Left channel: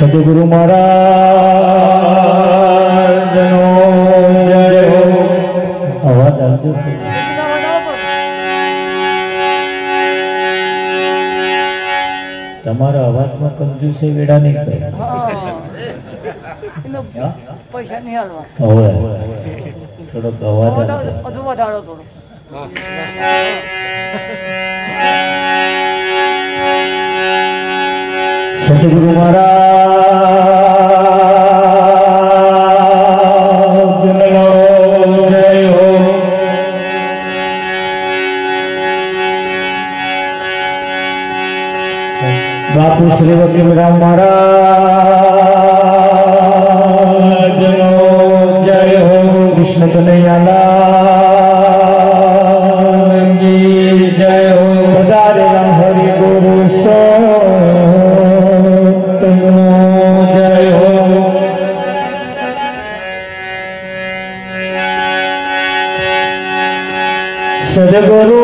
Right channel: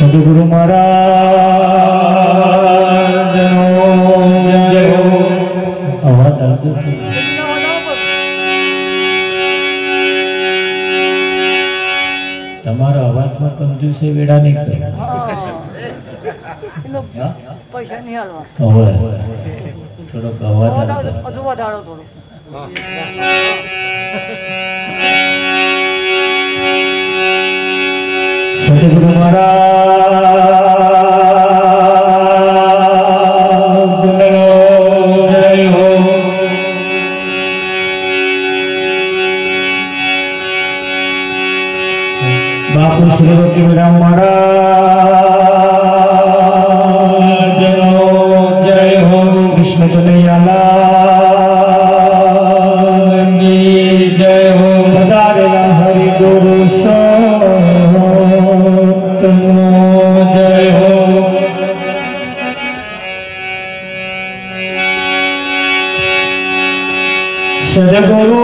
सदगुरु महाराज आवाज आवજો તમારા અવાજમાં કંજૂસી વેડા નહીં કરે પૈસા નહીં હાલવા હવે થોડોક અવાજ હજુ વધારો થોડો सदगुरु महाराज जय हो। बापू श्री वकीलराम महाराज जय हो। कृष्ण कन्हैयालाल की जय हो। पधारेला हरि गुरु जय हो। सदगुरु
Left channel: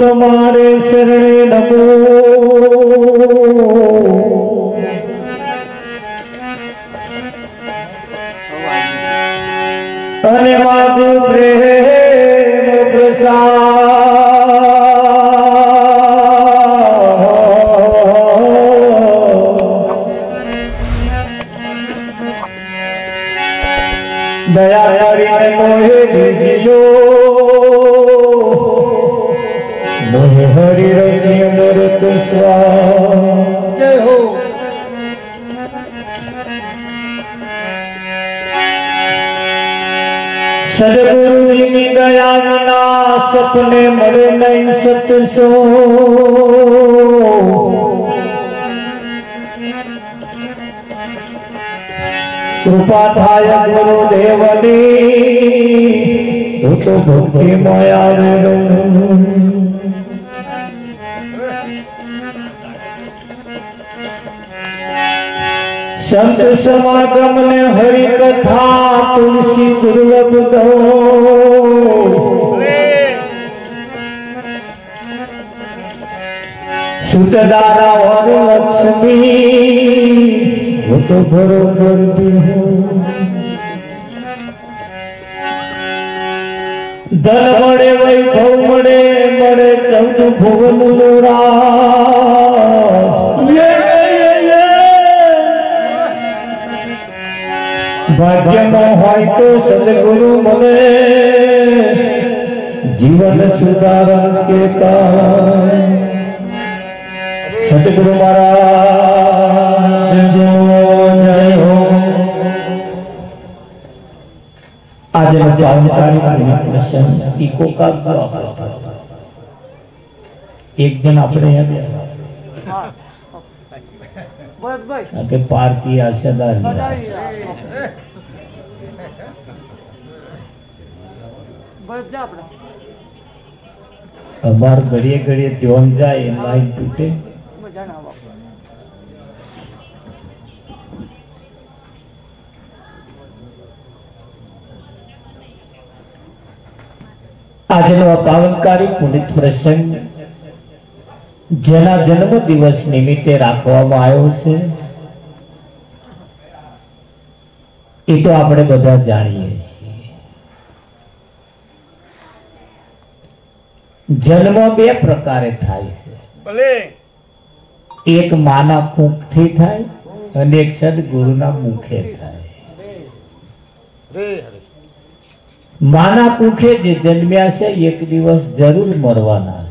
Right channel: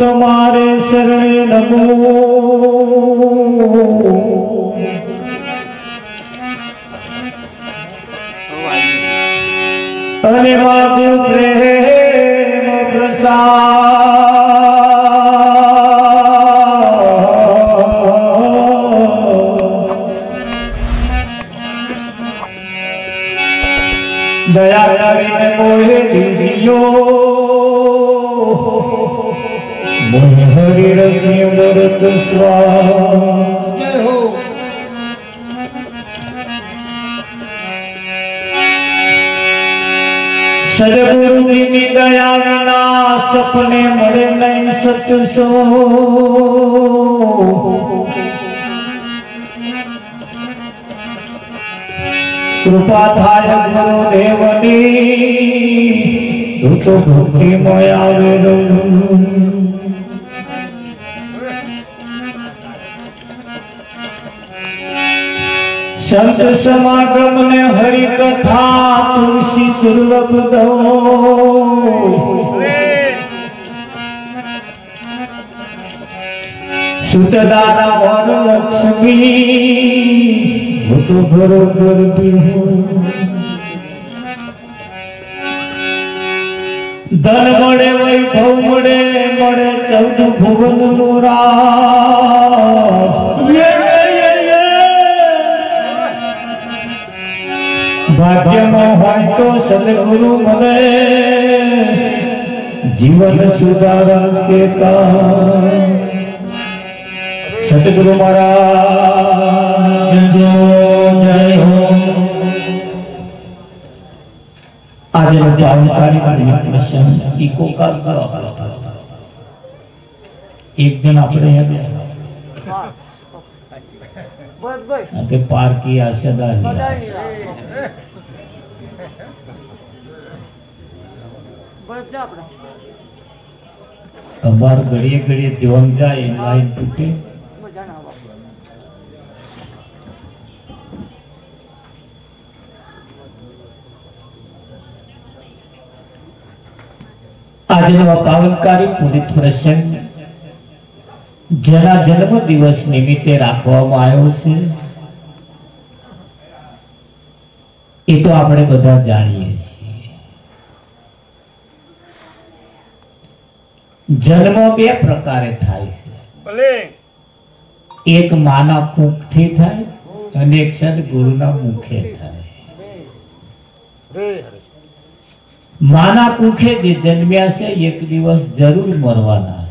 तुम्हारे शरण नमो। धन्यवाद प्रेम प्रसाद दया કરીને મોહે દીજો મોહે હરિ રસિ અમૃત સ્વાદ જય હો। સદગુરુની દયા વિના સપને મળે નહીં સત્સંગ। कृपा थाय गुरुदेवनी तो भक्ति माया संत समागम ने हरि कथा तुलसी दुर्लभ दो। सुतदारा वर लक्ष्मी तो गुरु करती हूँ। धन मड़े वैभव मड़े मड़े चौद भुवन भाग्य में होय तो सदगुरु मने जीवन सुधारण के काम। सदगुरु महाराज जय हो। आज जानकारी प्रश्न इको का एक दिन अपने के पार की आशा अमर घड़िए घड़िए ध्यान जाए लाइन टूटे। આજનો પાવનકારી પુનિત પ્રસંગ જેના જન્મ દિવસ નિમિત્તે રાખવામાં આવ્યો છે એ તો આપણે બધા જાણીએ છીએ। જન્મ બે પ્રકારે થાય છે, એક માના કુખથી થાય અને એક સદગુરુના મુખે થાય। माना कुखे जे जन्म्या से एक दिवस जरूर मरवाना है।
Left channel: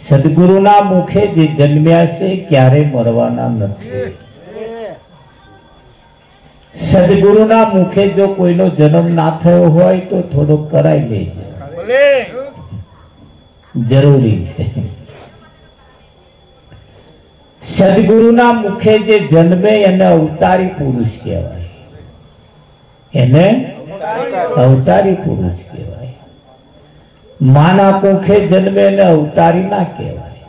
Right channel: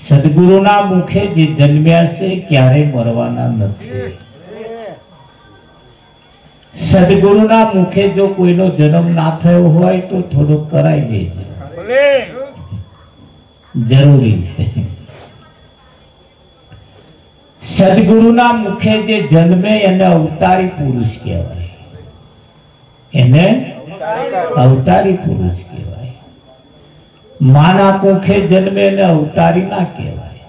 सदगुरुना मुखे जे जन्म्या से क्यारे मरवाना नहीं। सदगुरुना मुखे जो कोईनो जन्म ना थयो होय तो थोड़ो कराई लेजे। જરૂરી છે. સદગુરુના મુખે જે જન્મે એને અવતારી પુરુષ કહેવાય. એને અવતારી પુરુષ કહેવાય. માના કોખે જન્મે એને અવતારી ના કહેવાય.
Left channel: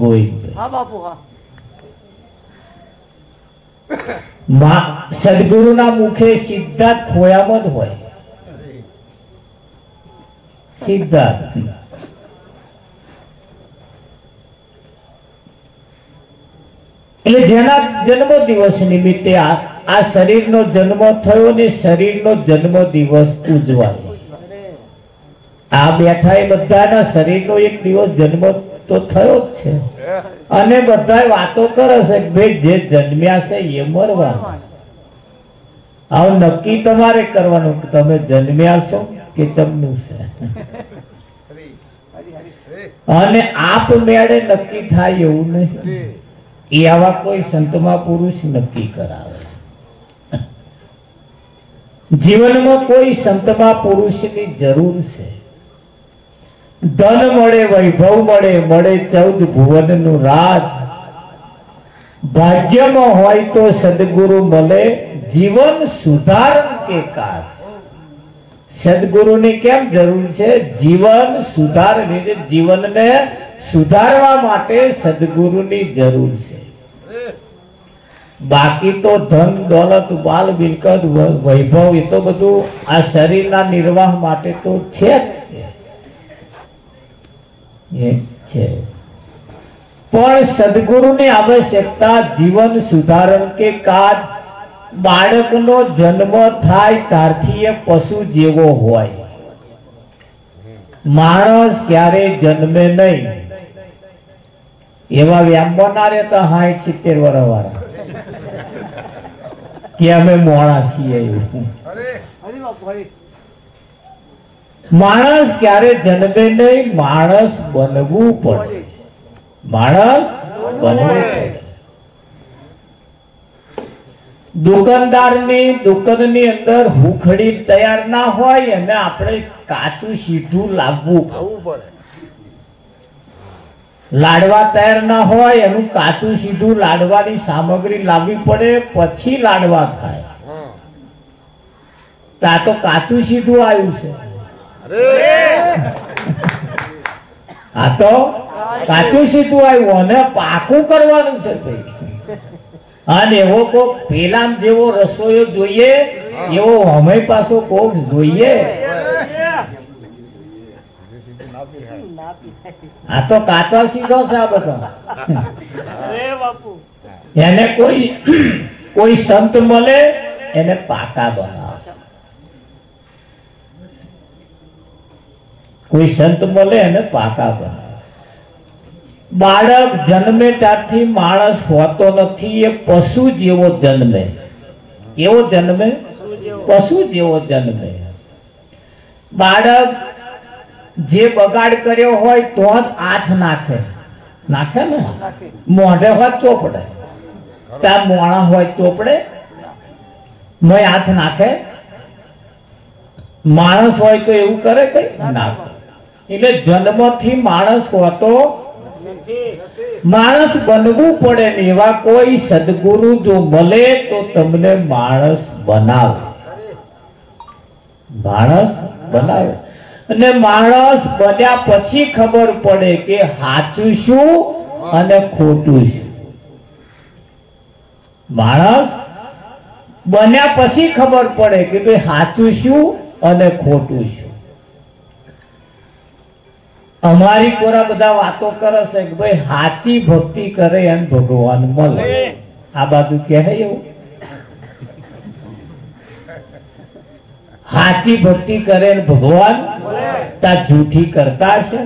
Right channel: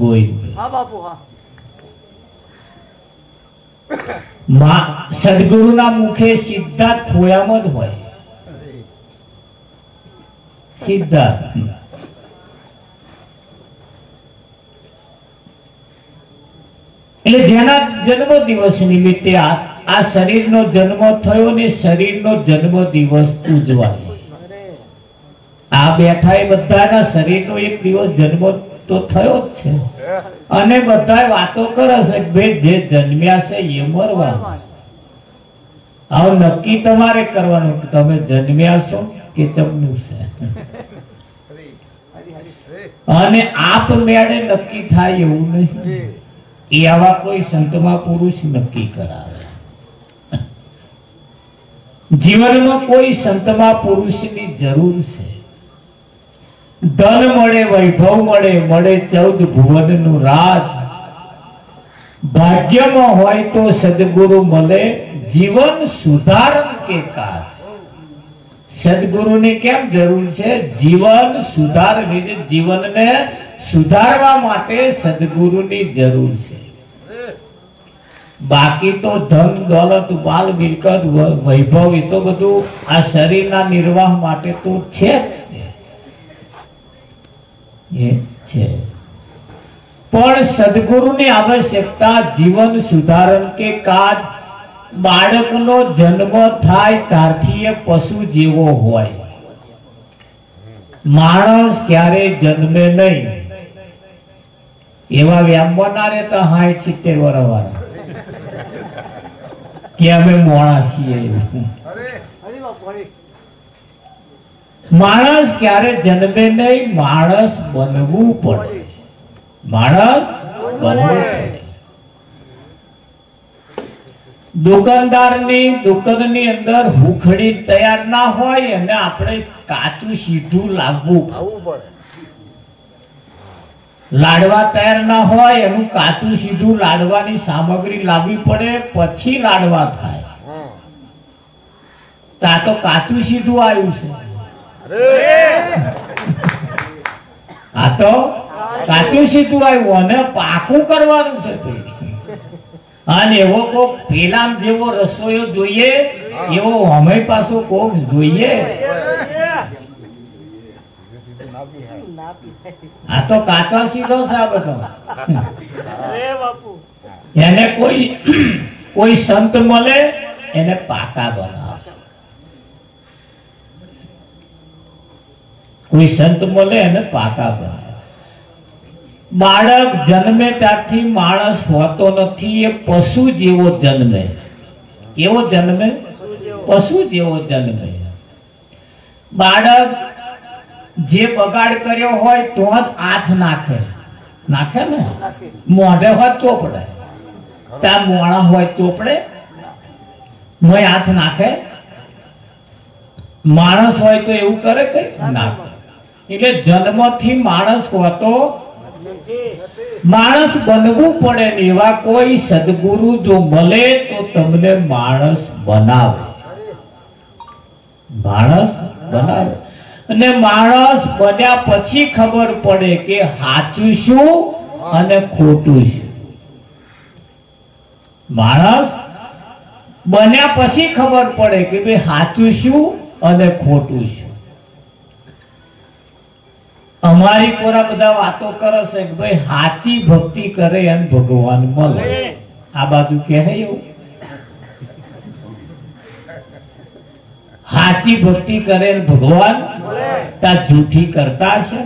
ગોવિંદ હા બાપુ હા. સદગુરુના મુખે સિદ્ધાર્થ ખોયામાં જ હોય. સિદ્ધાર્થ એટલે જેના જન્મ દિવસ નિમિત્તે આ શરીરનો જન્મ થયો ને શરીરનો જન્મ દિવસ ઉજવાય. આ બેઠા એ બધાના શરીરનો એક દિવસ જન્મ તો થયો જ છે અને બધા વાતો કરે છે કે ભાઈ જે જન્મ્યા છે એ મરવાનું. આવું નક્કી તમારે કરવાનું કે તમે જન્મ્યા છો કે જમનું છે. અને આપ મેળે નક્કી થાય એવું નહીં. એ આવા કોઈ સંતમાં પુરુષ નક્કી કરાવે. જીવનનો કોઈ સંતમાં પુરુષની જરૂર છે. ધન મળે, વૈભવ મળે, મળે 14 ભુવનનું રાજ. ભાગ્યમાં હોય તો સદગુરુ મળે, જીવન સુધારણ કે કાજ. સદગુરુની કેમ જરૂર છે? જીવન સુધારણી, જીવનને સુધારવા માટે સદગુરુની જરૂર છે. બાકી તો ધન દોલત બાલ મિલકત વૈભવ એ તો બધું આ શરીરના નિર્વાહ માટે તો છે છે. પણ સદગુરુની આવશ્યકતા જીવન સુધારણ કે કાજ. બાળકનો જન્મ થાય ત્યારથી એ પશુ જેવો હોય. માણસ ક્યારે જન્મે નહીં. એવા વ્યામો ના રહેતા 60-70 વર્ષ વાળા કે અમે મોણા છીએ. માણસ ક્યારે જન્મે નહીં. માણસ બનવું પડે. માણસ બનવું પડે. દુકાનદારની દુકાનની અંદર હુખડી તૈયાર ના હોય અને આપણે કાચું સીધું લાવવું પડે. લાડવા તૈયાર ના હોય એનું કાચું સીધું લાડવાની સામગ્રી લાવવી પડે, પછી લાડવા થાય. તા તો કાચું સીધું આવ્યું છે. આ તો કાચું સીધું આવ્યું અને પાકું કરવાનું છે. અને એવો કોક પેલામ જેવો રસોઈયો જોઈએ એવો અમે પાછો કોક જોઈએ. આ તો કાચો સીધો છે આ બધો. એને કોઈ સંત મળે એને પાકા બનાવે. કોઈ સંત મળે એને પાકા બનાવે. બાળક જન્મે ત્યારથી માણસ હોતો નથી. એ પશુ જેવો જન્મે. કેવો જન્મે? પશુ જેવો જન્મે. બાળક જે બગાડ કર્યો હોય તો જ હાથ નાખે. નાખે ને. મોઢે હોય ચોપડે. ત્યાં મોણા હોય ચોપડે મેં હાથ નાખે. માણસ હોય તો એવું કરે કઈ નાખે. એટલે જન્મથી માણસ હોતો માણસ બનવું પડે ને એવા કોઈ સદગુરુ જો મળે તો તમને માણસ બનાવે. માણસ બનાવે. અને માણસ બન્યા પછી ખબર પડે કે સાચું શું અને ખોટું શું. માણસ બન્યા પછી ખબર પડે કે ભાઈ સાચું શું અને ખોટું શું. અમારી કોરા બધા વાતો કરે છે કે ભાઈ સાચી ભક્તિ કરે એમ ભગવાન મળે. આ બાજુ કહે એવું. સાચી ભક્તિ કરે ભગવાન તા જૂઠી કરતા છે.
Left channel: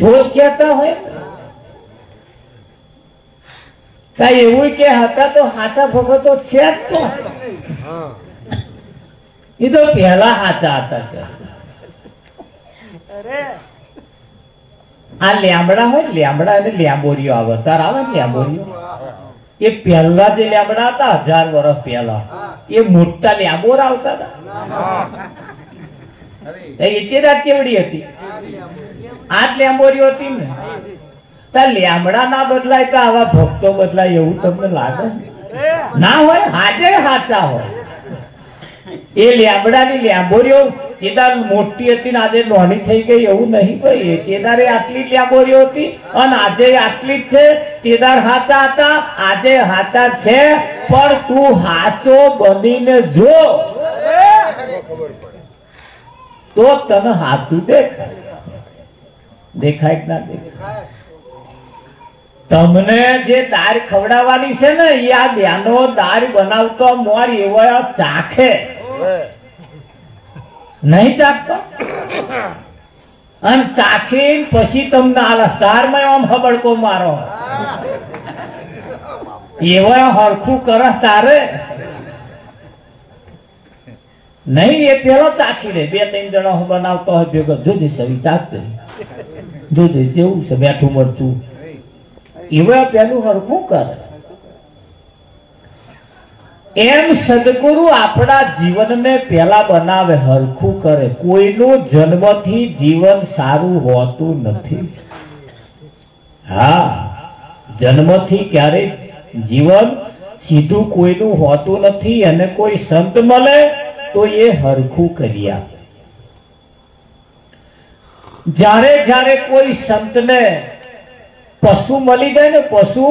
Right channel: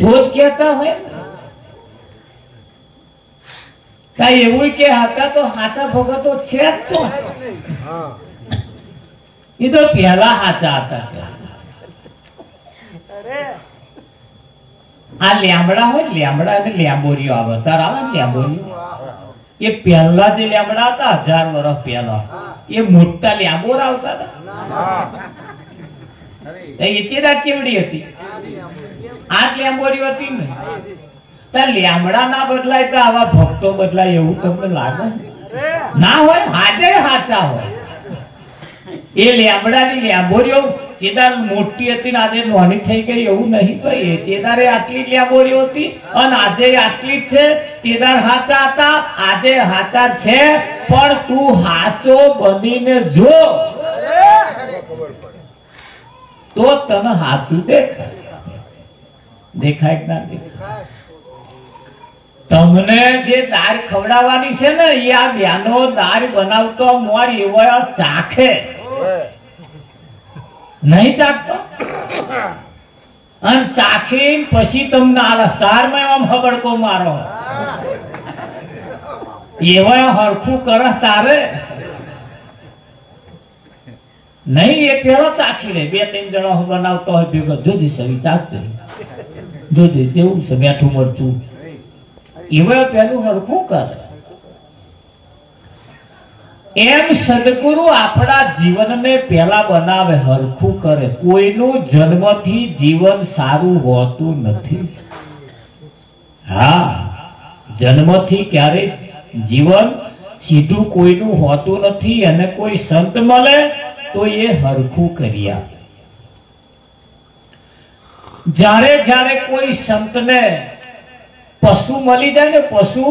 ભોજ કહેતા હોય કઈ એવું કે હતા તો સાચા ભગતો છે જ તો. એ તો પહેલા સાચા હતા. આ લેમડા હોય લેમડા અને લેંબોરીઓ આવે તાર આવે ને લેંબોરીઓ. એ પહેલા જે લેમડા હતા 1000 વર્ષ પહેલા એ મોટા લેબોર આવતા હતા. એ ચેદાર કેવડી હતી? આ લેમ્બોરી હતી ને. લેમડા ના બદલાય તો આવા ભક્તો બદલાય એવું તમને લાગે? ના હોય, હાજે હાચા હોય. એ લેમડાની લેમ્બોરીઓ ચેદાર મોટી હતી ને આજે નાની થઈ ગઈ એવું નહીં ભાઈ. ચેદારે આટલી લેમ્બોરીઓ હતી અને આજે આટલી જ છે. ચેદાર હાચા હતા, આજે હાચા છે, પણ તું હાચો બનીને જો તો તને હાચું દેખાય. દેખાય કે ના દેખાય? તમને જે દાળ ખવડાવવાની છે ને એ આ બેનો દાળ બનાવતો મોર એવો ચાખે નહીં ચાખતો, અને ચાખી પછી તમને આ તારમાં આમ હબડકો મારો એવો હરખું કરસ તારે નહીં. એ પેલો ચાખી લે. 2-3 જણો બનાવતો હોય ભેગો, જોજે સરી ચાખતો, જોજે જેવું છે મીઠું મરચું, એવા પેલું હરખું કરે. એમ સદગુરુ આપણા જીવનને પેલા બનાવે, હરખું કરે. કોઈનું જન્મથી જીવન સારું હોતું નથી. હા, જન્મથી ક્યારેક જીવન સીધું કોઈનું હોતું નથી. અને કોઈ સંત મળે તો એ હરખું કરી આપે. જ્યારે જ્યારે કોઈ સંતને પશુ મળી જાય ને, પશુ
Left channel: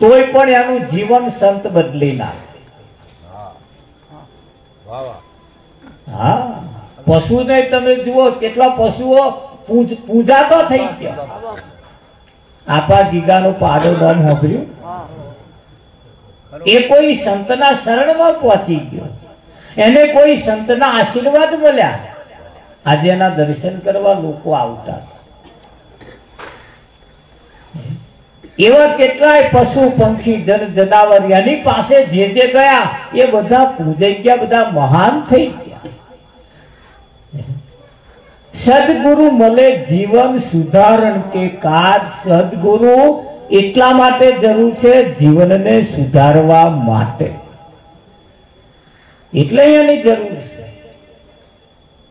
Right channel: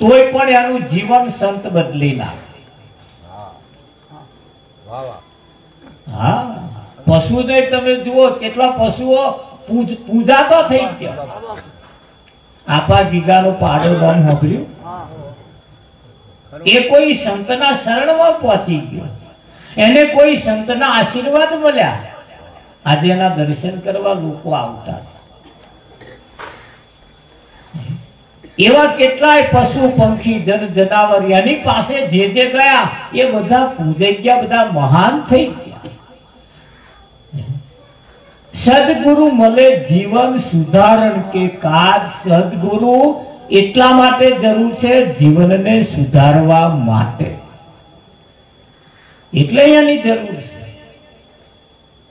તોય પણ એનું જીવન સંત બદલી નાખે. હા, પશુને તમે જુઓ કેટલા પશુઓ પૂજાતો થઈ ગયા. આપા ગીગાનું પાડો નામ સાંભળ્યું? એ કોઈ સંતના શરણમાં પહોંચી ગયો, એને કોઈ સંતના આશીર્વાદ મળ્યા. આજે એના દર્શન કરવા લોકો આવતા. એવા કેટલાય પશુ પંખી જન જનાવર એની પાસે જે ગયા એ બધા પૂજાઈ ગયા, બધા મહાન થઈ ગયા. સદગુરુ મળે જીવન સુધારણ કે કાજ. સદગુરુ એટલા માટે જરૂર છે જીવનને સુધારવા માટે, એટલે એની જરૂર છે.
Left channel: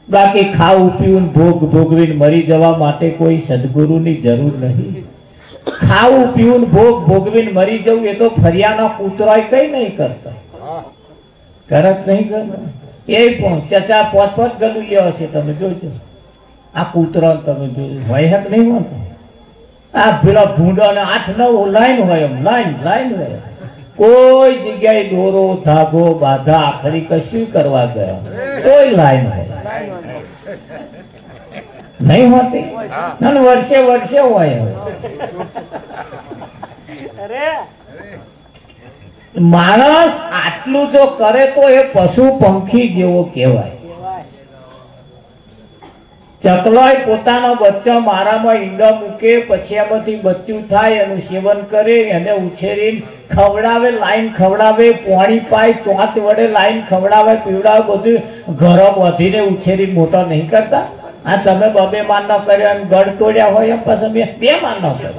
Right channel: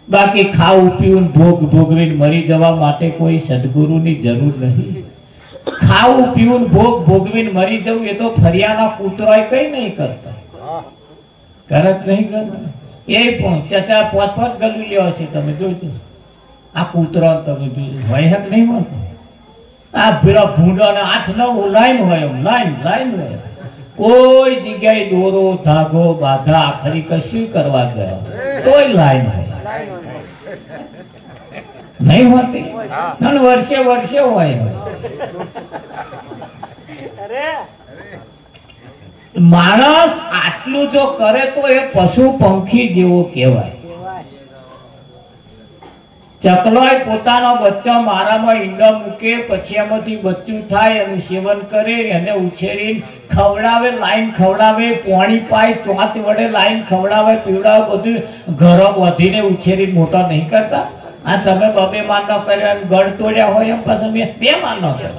બાકી ખાવું પીવું ભોગ ભોગવીને મરી જવા માટે કોઈ સદગુરુની જરૂર નહીં. ખાવું પીવું ભોગ ભોગવીને મરી જવું એ તો ફરિયાના કૂતરાય કઈ નહીં કરતા. કરત નહીં કરતા. એ પણ ચચા 5-5 ગલું લેવા છે. તમે જોજો આ કૂતરા તમે જોજો હોય હક નહીં હોતો. આ પેલા ભૂંડા ને 8-9 લાઈન હોય, એમ લાઈન હોય. કોઈ જગ્યાએ દોરો ધાગો બાધા આખરી કશું કરવા ગયા તોય લાઈન હોય નહીં હોતી. વર્ષે વર્ષે હોય. માણસ આટલું જો કરે તો એ પશુ પંખી જેવો કહેવાય. ચકલોય પોતાનો બચ્ચો મારામાં ઈંડા મૂકે, પછી એમાંથી બચ્ચું થાય, એનું સેવન કરે, એને ઉછેરીને ખવડાવે, લાઈન ખવડાવે, પાણી પાય, ચોથ વડે લાઈન ખવડાવે, પીવડાવે, બધું ઘરો વધીને ઉછેરીને મોટા નહીં કરતા. આ તમે 2 માન નો કર્યો ગઢ તોડ્યા હોય એમ પાછા 2 માન નો કર્યો.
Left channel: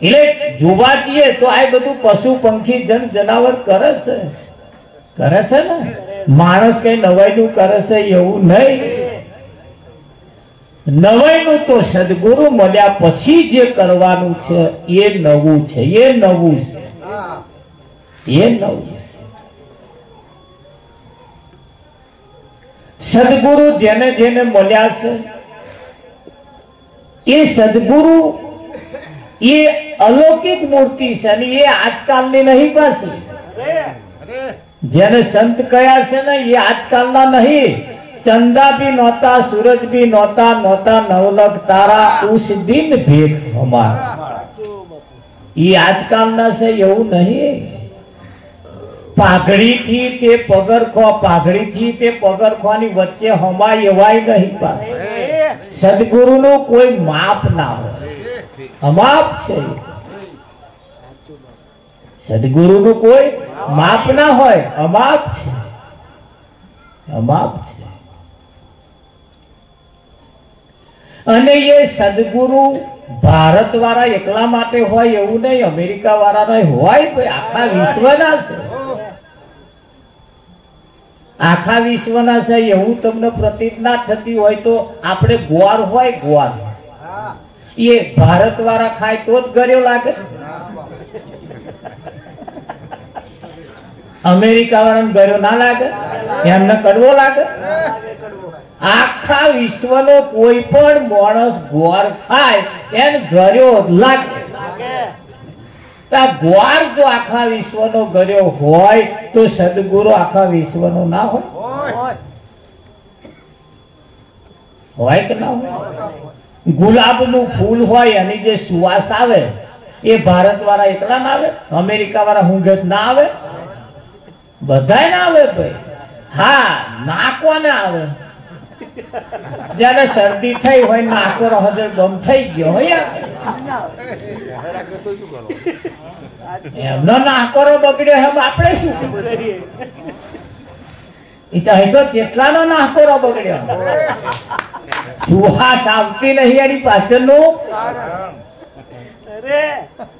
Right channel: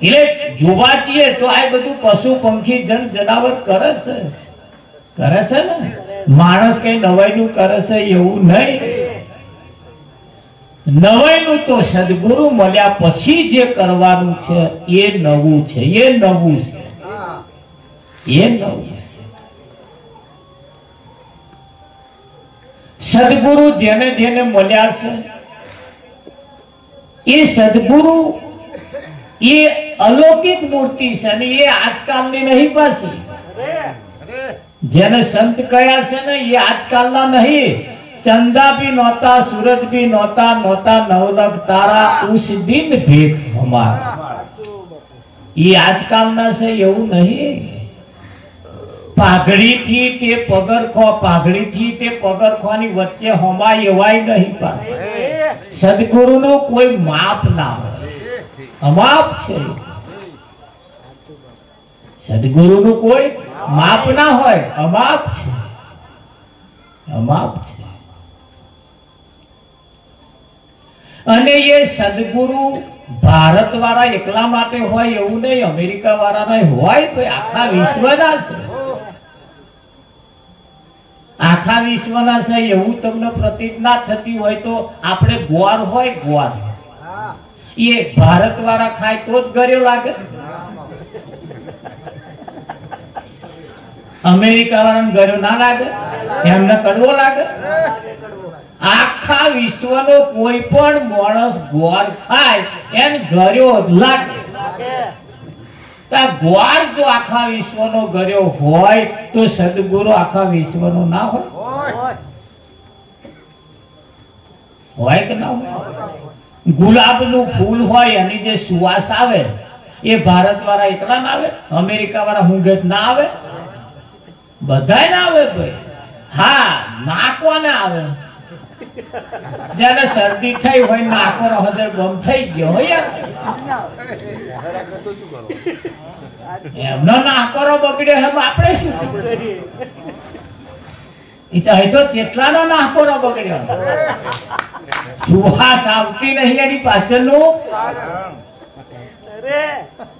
એટલે જોવા જઈએ તો આ બધું પશુ પંખી જન જનાવર કરે છે ને. માણસ કઈ નવાઈનું કરે છે એવું નહીં. નવાઈનું તો સદગુરુ મળ્યા પછી જે કરવાનું છે એ નવું છે. એ નવું છે. સદગુરુ જેને જેને મળ્યા છે એ સદગુરુ એ અલૌકિક મૂર્તિ છે અને એ આજકાલની નહીં પાછી. જેને સંત કયા છે ને એ આજકાલના નહીં. ચંદા ભી નહોતા, સૂરજ ભી નહોતા, નવલખ તારા ઉસ દિન ભેખ હમારા. એ આજકાલના છે એવું નહીં. પાઘડીથી તે પગરખોની વચ્ચે હમાય એવાય નહીં. સદગુરુનું કોઈ માપ ના હોય, અમાપ છે. સદગુરુનું કોઈ માપ ના હોય, અમાપ છે. અને એ સદગુરુ ભારત વાળા એકલા માટે હોય એવું નહીં, અમેરિકા વાળા હોય, ભાઈ આખા વિશ્વના છે, આખા વિશ્વના છે. એવું તમને પ્રતીત ના થતી હોય તો આપણે ગ્વાર હોય, ગ્વાર એ ભારત વાળા ખાય તો જ ગળ્યો લાગે, અમેરિકા વાળાને ગળ્યો ના લાગે, એમને કડવો લાગે. આખા વિશ્વનો કોઈ પણ માણસ ગ્વાર ખાય એને ગળ્યો લાગે. ગ્વાર જો આખા વિશ્વનો ગળ્યો હોય તો સદગુરુ આખા વિશ્વનો ના હોય? હોય કે ના હોય? ગુલાબનું ફૂલ હોય એની જે સુવાસ આવે એ ભારત વાળા એકલા ના આવે, અમેરિકા વાળા હુંઘેત ના આવે, બધાય ના આવે ભાઈ. હા, નાકો ના આવે. જયારે શરદી થઈ હોય, નાકો હજર બંધ થઈ ગયો હોય, એમનો નાકોરો બગડ્યો એમ આપણે શું કરીએ? તો કેટલાનો નાકોરો બગડ્યો, સુવાસ આવતી નહીં એની પાછળનું,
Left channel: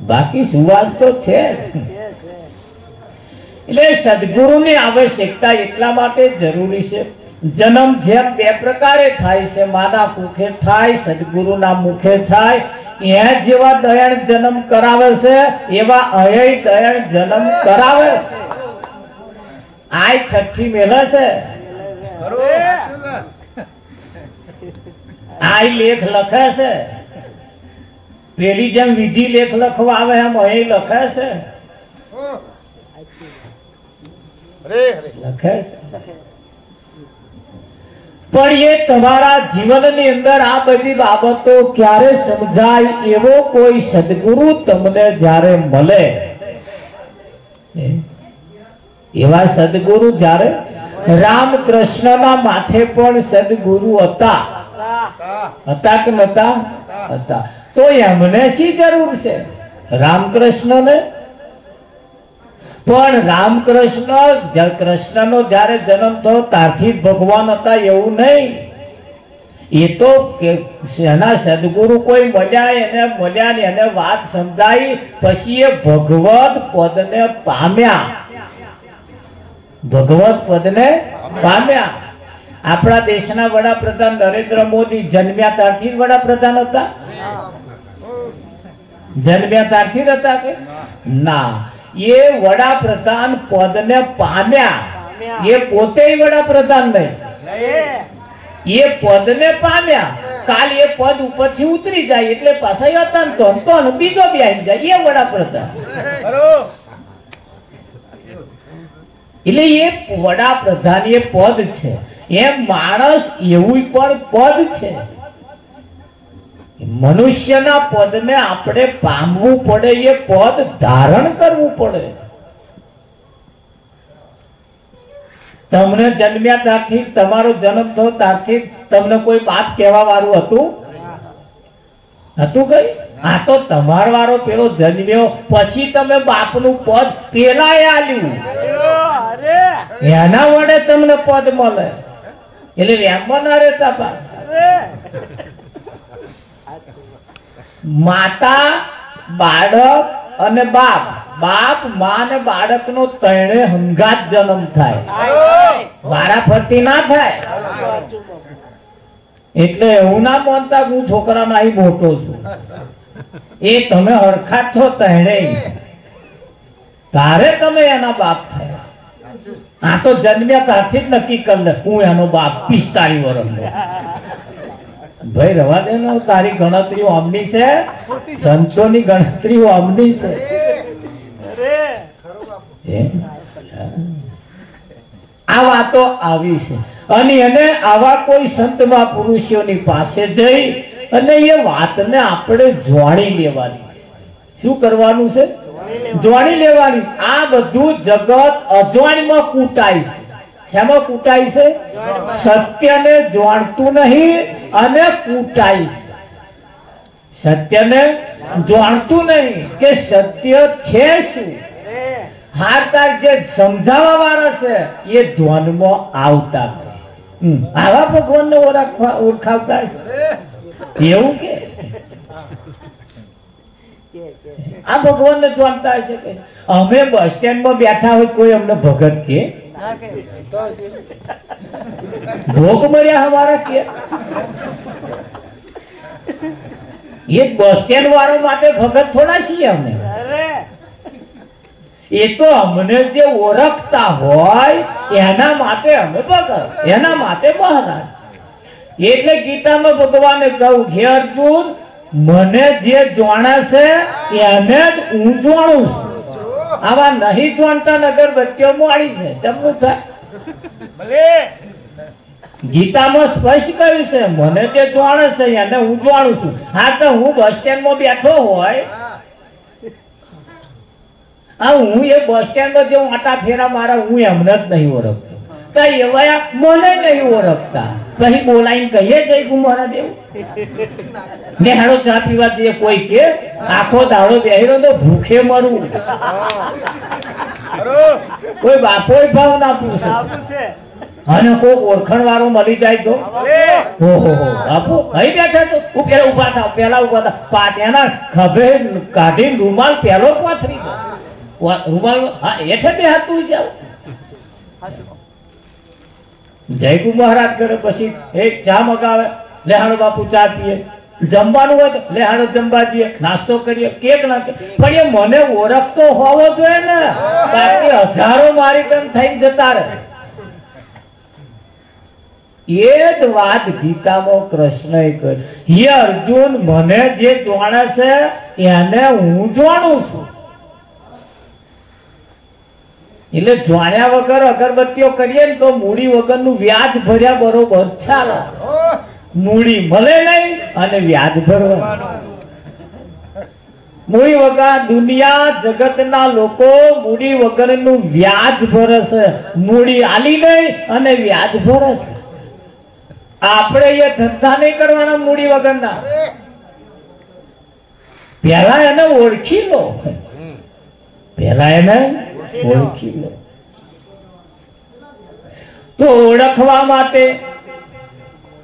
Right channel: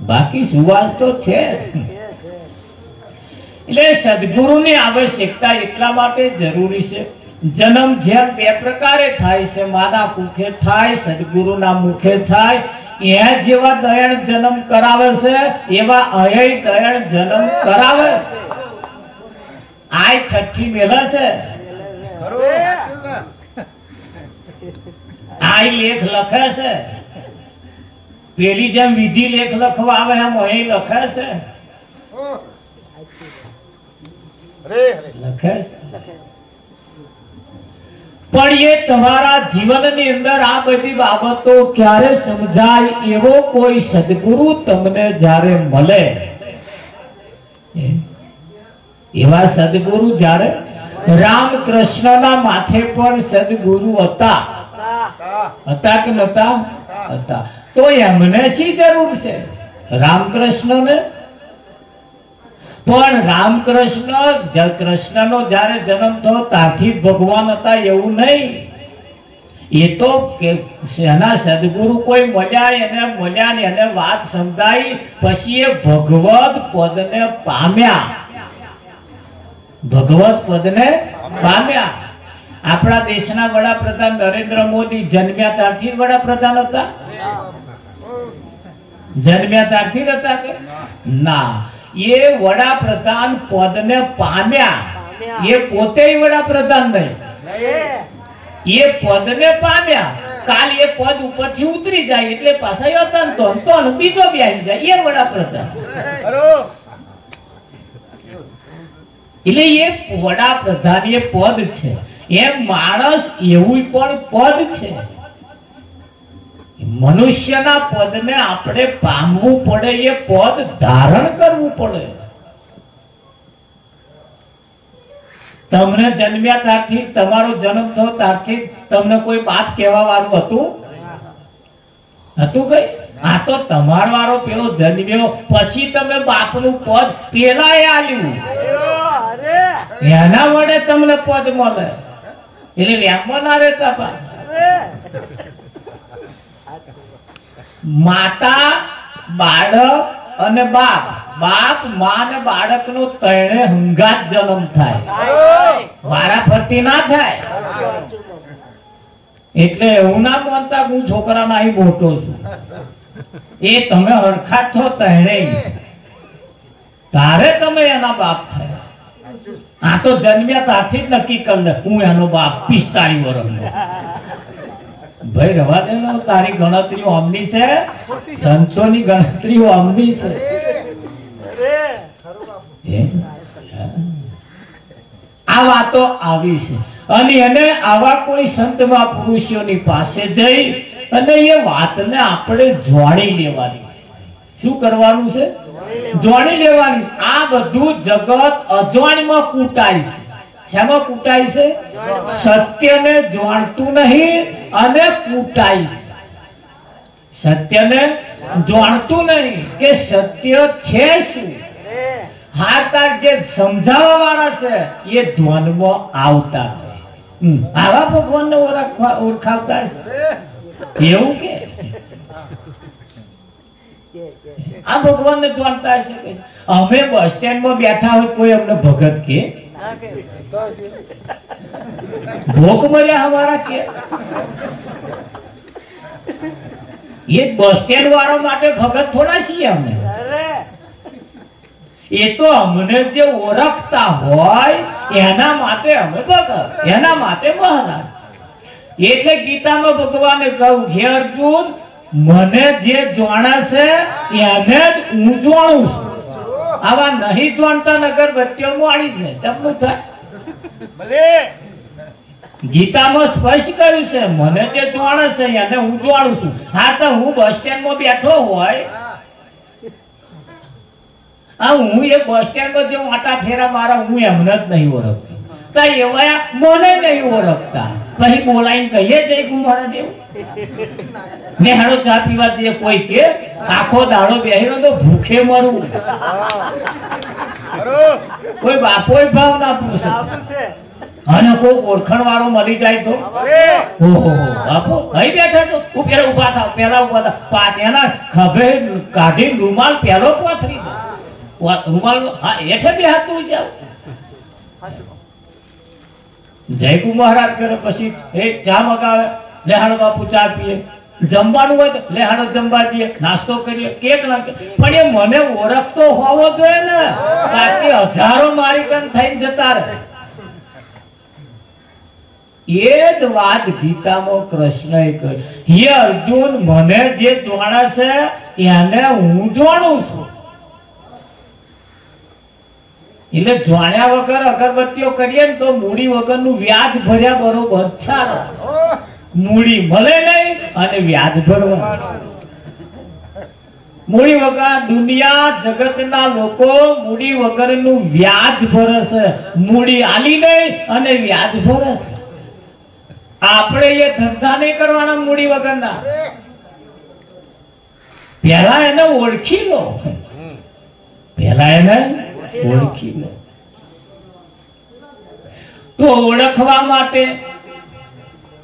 બાકી સુવાસ તો છે. એટલે સદગુરુની આવશ્યકતા એટલા માટે જરૂરી છે. જન્મ જેમ બે પ્રકારે થાય છે, માના કુખે થાય, સદગુરુના મુખે થાય. એ જેવા દયાળ જન્મ કરાવે છે એવા અયય દયાળ જન્મ કરાવે છે. આ છઠ્ઠી મેલા છે, આ લેખ લખે છે. પેલી જેમ વિધિ લેખ લખવા આવે એમ અહીં લખે છે, લખે છે. પણ એ તમારા જીવનની અંદર આ બધી બાબતો ક્યારે સમજાય એવો કોઈ સદગુરુ તમને જ્યારે મળે, એવા સદગુરુ જ્યારે રામકૃષ્ણના માથે પણ સદગુરુ હતા, હતા કે નતા? હતા. તો એમને શી જરૂર છે રામકૃષ્ણને? પણ રામકૃષ્ણ કૃષ્ણનો જયારે જન્મ થયો ત્યારથી ભગવાન હતા એવું નહીં. એ તો એના સદગુરુ કોઈ મળ્યા ને એને વાત સમજાવી, પછી એ ભગવત પદને પામ્યા, ભગવત પદને પામ્યા. આપણા દેશના વડાપ્રધાન નરેન્દ્ર મોદી જન્મ્યા ત્યારથી વડાપ્રધાન હતા? જન્મ્યા ત્યારથી હતા કે ના? એ વડાપ્રધાન પદને પામ્યા, એ પોતે વડાપ્રધાન નહીં, એ પદને પામ્યા. કાલ એ પદ ઉપરથી ઉતરી જાય એટલે પાછા હતા બીજો બેસી જાય, એ વડાપ્રધાન. એટલે એ વડાપ્રધાન એ પદ છે, એમ માણસ એવું પણ પદ છે. મનુષ્યના પદને આપણે પામવું પડે, એ પદ ધારણ કરવું પડે. તમને જન્મ્યા ત્યારથી, તમારો જન્મ થયો ત્યારથી તમને કોઈ બાપ કહેવા વાળું હતું? કઈ? આ તો તમાર વાળો પેલો જન્મ્યો પછી તમે બાપનું પદ પેલા એ આલ્યું, એના વડે તમને પદ મળે. એટલે રેમમાં ના રહેતા પાછ. માતા, બાળક અને બાપ, બાપ મા ને બાળક નો ત્રણે હંગાત જન્મ થાય, વારાફરતી ના થાય. એટલે એવું ના માનતા હું છોકરા ના મોટો છું, એ તમે હરખા છો ત્રણે, તારે તમે એના બાપ થયા. આ તો જન્મ્યા ત્યારથી જ નક્કી કરી લે હું એનો બાપ 45 વર્ષનો. ભાઈ રવા દે ને, તારી ગણતરીઓ અમની છે, સંતોની ગણતરીઓ અમની છે. આ વાતો આવી છે. અને એને આવા કોઈ સંત મહાપુરુષોની પાસે જઈ અને એ વાતને આપણે જોણી લેવાની. શું કરવાનું છે? જોણી લેવાની. આ બધું જગત અજવાણીમાં કૂટાય છે. શેમાં કૂટાય છે? સત્યને જાણતું નહીં અને કૂટાય છે. સત્યને જાણતું નહીં કે સત્ય છે શું. હારતાર જે સમજાવવા વાળા છે એ ધ્વનમાં આવતા આવા ભગવાનને ઓળખાવતા છે. એવું કે આ ભગવાન ને જાણતા હશે કે અમે બસ સ્ટેન્ડ માં બેઠા હોય કોઈ અમને ભગત કે ભોગ મળ્યા અમારા કે એ બસ સ્ટેન્ડ વાળા માટે ભગત થોડા છીએ અમે એ તો અમને જે ઓળખતા હોય એના માટે અમે ભગત એના માટે મહારાજ એટલે ગીતામાં ભગવાને કહ્યું હે અર્જુન મને જે જાણે છે એને જ હું જાણું છું આવા નહીં જાણતા નગર બચ્ચો મોડી છે તેમનું થાય ગીતામાં સ્પષ્ટ કહ્યું છે મને જે જાણે છે એને હું જાણું છું હા તો હું બસ સ્ટેન્ડ માં બેઠો હોય હું એ બસ સ્ટેન્ડ માં જે આટા ફેરા મારા હું એમને જ નહીં ઓળખતો તો એવા મને નહીં ઓળખતા પછી બોલાઈને કહીએ જય કુમારા દેવ ને હાડો ચા પીવા દઈએ કોઈ કે આખો દાડો બેહીરો તો ભૂખે મરું કોઈ બાપો ભાવ ના પૂછે અને કોઈ ઓળખણ વાળો મળી જાય તો ઓહો બાપુ અહીં બેઠા તો હું પેલા ઉભા થાવ પેલા ઉભા થાવ પાત્યાના ખભે કાઢી રૂમાલ પેલો પાથરી રૂમાલ હા એઠે બે હાથું જાવ જયકુ મહારાજ કરે પછી એ ચા મગાવે લેહાડો બાપુ ચા પીએ જમવાનું હોય લેહાડો જમવા દઈએ નાસ્તો કરીએ કેક ના પણ એ મને ઓળખતો હોવો જોઈએ ને બાકી હજારો મારી કન થઈને જતા રહે એ જ વાત ગીતામાં કૃષ્ણએ કહી હે અર્જુન મને જે જાણે છે એને હું જાણું છું એટલે જાણ્યા વગર અગરબત્તીઓ કરીએ ને તો મૂડી વગરનું વ્યાજ ભર્યા બરોબર ચાલે મૂડી મળે નહીં અને વ્યાજ ભરવાનું મૂડી વગર દુનિયા જગતના લોકો મૂડી વગરનું વ્યાજ ભરે છે મૂડી આલી નહીં અને વ્યાજ ભરે છે આપણે એ ધંધા નહીં કરવાના મૂડી વગરના પેલા એને ઓળખી લો પેલા એને ઓળખી લો તો ઓળખવા માટે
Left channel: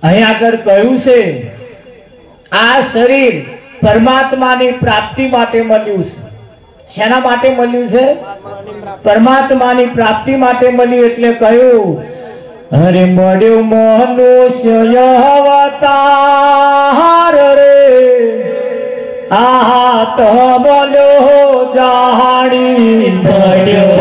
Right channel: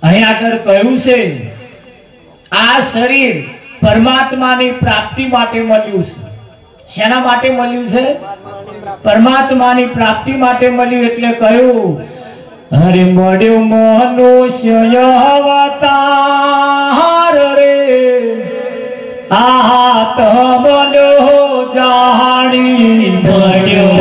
અહીં આગળ કહ્યું છે આ શરીર પરમાત્માની પ્રાપ્તિ માટે મળ્યું છે શેના માટે મળ્યું છે પરમાત્માની પ્રાપ્તિ માટે મળ્યું એટલે કહ્યું અરે મળ્યું મનુષ્ય અવતાર રે આહા તો બોલ્યો જાણી મળ્યો